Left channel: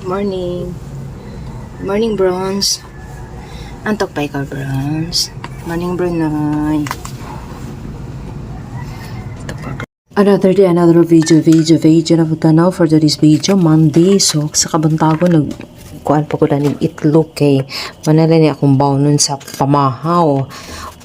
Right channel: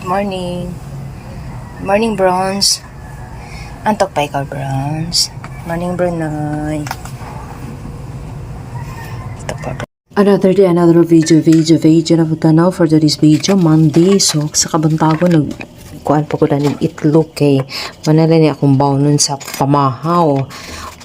Morning. Morning, Bronze. Antok pa ikaw, Bronze. Morning, Brunoy. Antok pa, Bronze. Another day, another video na pagtanaw for today's video, Monday. So, sa kabuntago, kuan pa ko na ng itlog kay manala niya akong bawnon sa pamahaw.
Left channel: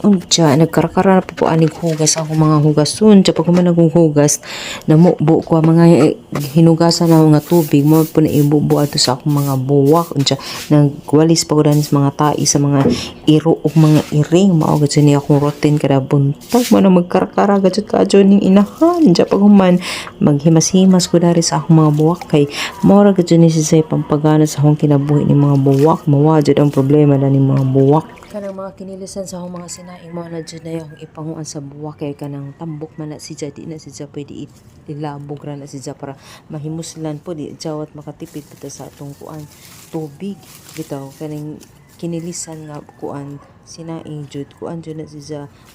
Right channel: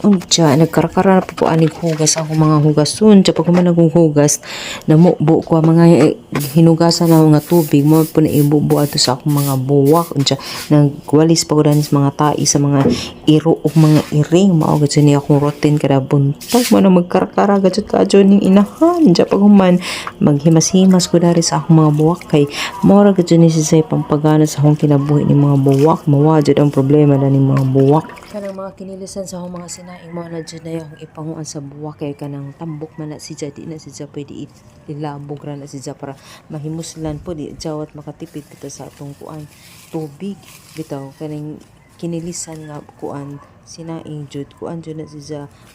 Unja, nagkarakara na po aning hugas ako mga hugasun. Unja, pag man naghuhugas, namubo ko ang mga hinugasan na mga tubig. Mo po na ibubo ato sa akong mga buwak. Unja, nagwalis pa ko dahil sa mga tai, sa mga iro o mga iring. Maugad sa niya akong routine kada buntag. Mo na magkarakara, gadget ka dyan yung inahan. Unja, pag man maghimas-himas ko dahil sa akong mga buwak. Kay, mora gadyan ni siya pampagana sa akong kinabuhi ng mga buwak. Mawadjad ang problema na ng mga buwak. Kanang mga kinilisan sa akong mga sinaing mo na dyan na yung ipanguan sa buwak kay kanang tambok man na si di na si pwede ilabog ra na si para mahimuslan po di jawat makatipid kita sa atong kuan tubig bitaw kanang kinilisan nga kuan sinaing jud kuan jud na si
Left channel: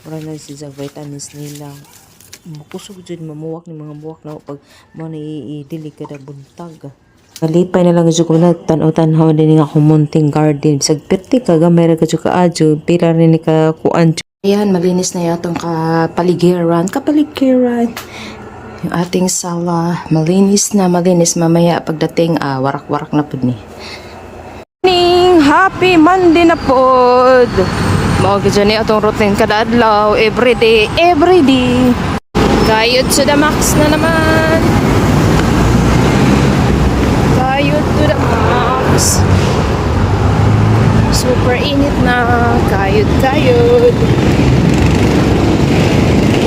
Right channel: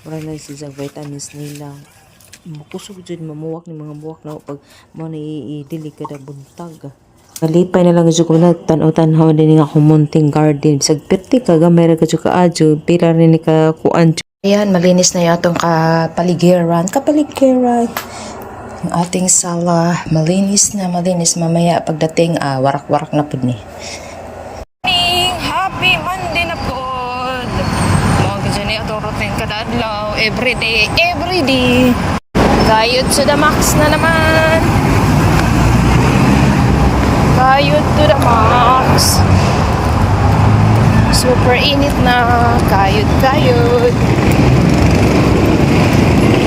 mura na si vitamins nila kusog jud mamuwak ni mga buwak na pag mo na i-dili kada buntag. Malipay na lang dyan ko na tanaw-tanaw din nga akong munting garden. Sagpirti ka, gamay ka dyan ka adyo. Pila rin ka kuan dyan. Ayan, malinis na yatong kapaligiran. Yung ating sala, malinis na. Mamaya pagdating, warak-warak na po ni. Morning! Happy Monday na po! Mga dyan niya itong routine kadadlaw. Everyday. Kayod sa Damax na naman. Kayod to the max. Super init na. Kayod.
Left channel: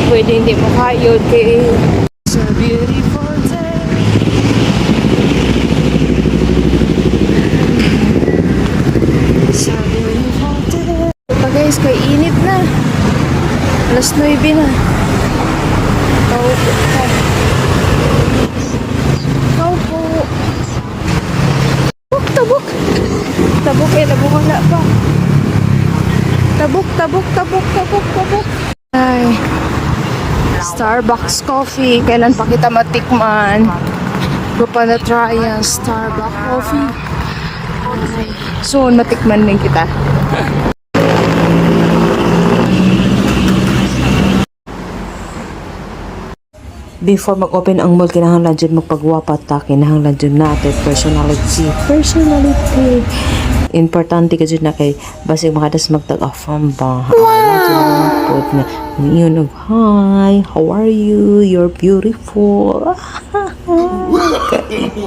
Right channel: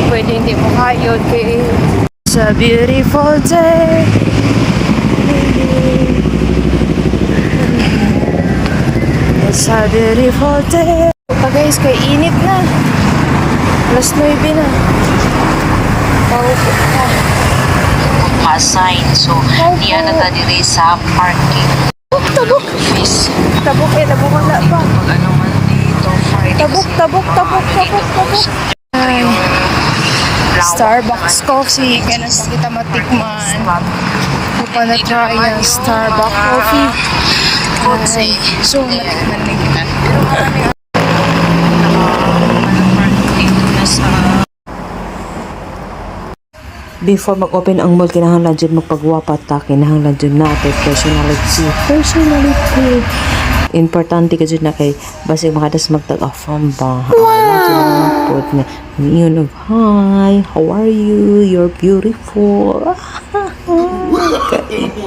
Pwede hindi mo kayod it's a beautiful day. It's a beautiful day. Ito guys, kay init na. Alas 9 na. Paupo ka. Sign. So, niya na dito sa parking. Tabok wala pa. Tabok. Ay. Starbucks coffee. Kailan pa kita matikman? Ito pa na try yan. Starbucks coffee. Ay. Soon matikman na kita. Before mag-open ang mall, kinahanglan dyan magpagwapat ta, kinahanglan dyan natin personality. Importante ka dyan na kay basig makadas magtag-affirm ba. Wow! Na, yun of, hi, how are you? You're beautiful.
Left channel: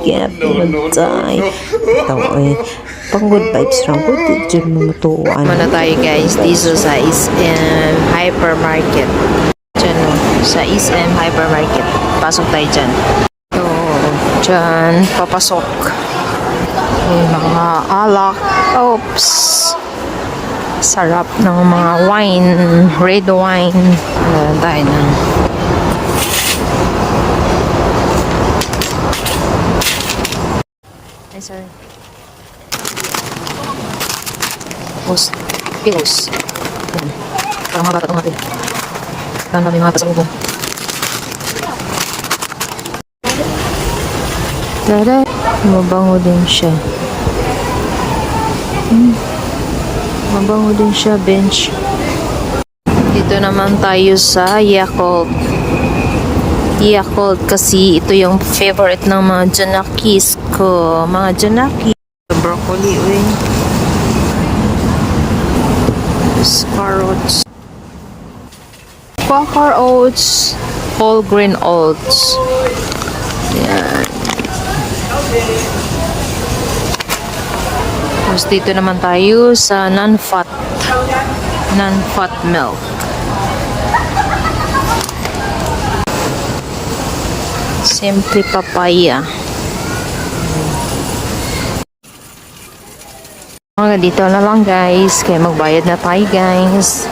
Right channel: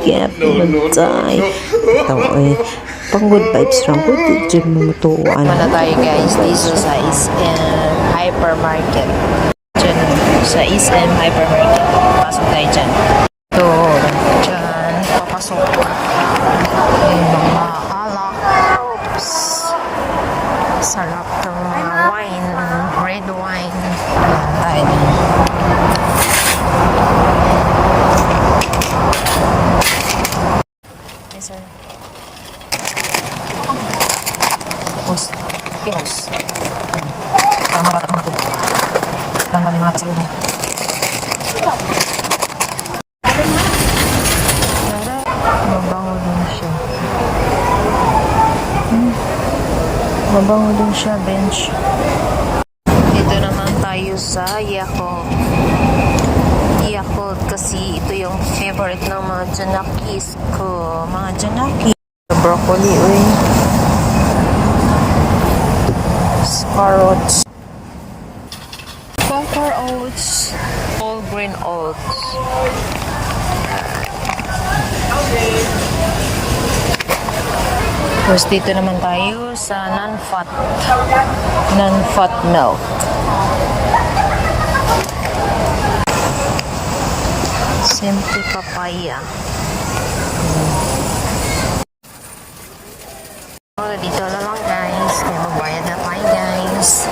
Kaya pinagtay. Ito eh. Pang good vibes lang ko, dyan mamutuan. Muna tayo guys, dito sa SM Hypermarket. Sa SM Hypermarket. Pasok tayo dyan. So, dyan, papasok. May mga alak. Oops. Sarap ng mga wine. Red wine. Ayan tayo na. Ayan. Pills. Ayan. Parang mga bata natin. Tanda na yung mga pasok dyan. Mabango din siya. Mabango din siya, bench. Dito naman tayo sa Yakult. Kasi ito yung favorite ng mga Janakis ko. Mga Janakis. Broccoli, carrots. Quaker oats, whole grain oats. Yan. Tapos dito naman tayo sa non-fat milk. Simply papaya. Dito na lang guys, kaya magbayad na tayo guys.